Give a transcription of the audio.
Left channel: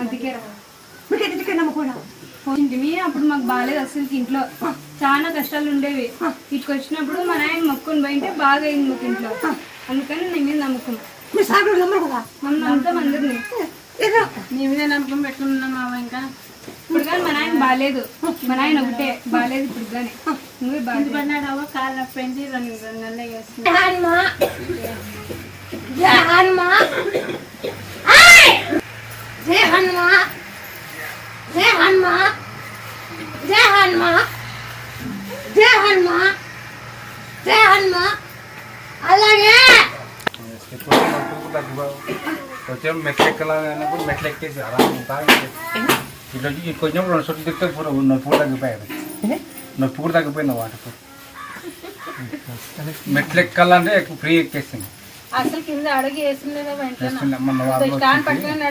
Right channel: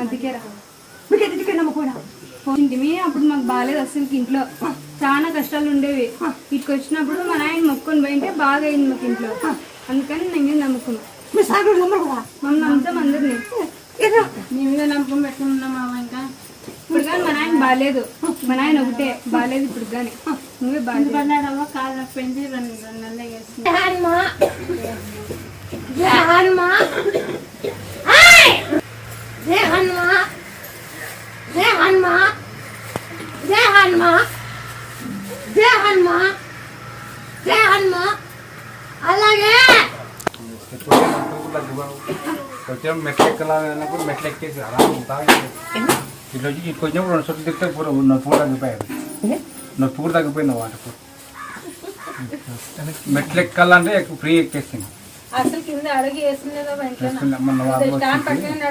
అందుకే పోయింటిమి. అప్పుడు మాకు బాగాలేదు అసలు, ఇంట్లో చాలా కష్టాలు ఉండేవి. ఇటుకు వచ్చినప్పుడు మా నాయన మొక్కుని పోయింటే బాగా అయింది మాకు ఇంట్లో. అందుకని నీ మీద నమ్మకం, మమ్మల్ని నమ్ముతాం అందరినీ. నీ మీద నమ్మకం పెట్టుకున్నామా ఇంకా? ఇప్పుడు కానీ మా నాయన బాగాలేదు, మా నాయన ఒకటే బాగాలేదు ఇప్పుడు కానీ. నువ్వే బాగా పడినాడమ్మా, కాళ్ళు నొప్పి పెంచి 2 నెలలు వేస్తుంది. అలాగే కొంచెం మెట్లెక్కాలన్నప్పుడు మెట్లెక్కేసి అలా ఇట్లా కొంచెం 2 చోట్ల తిప్పితే నొప్పి కూడా తగ్గిపోయాయి. నొప్పి కూడా తగ్గిపోయినావు వాటి మెట్లెక్కాలంటే ఎక్కువ ఫ్రీ ఎక్కేసింది. అసలు కింద అడుగు వేస్తుండేదా మొన్న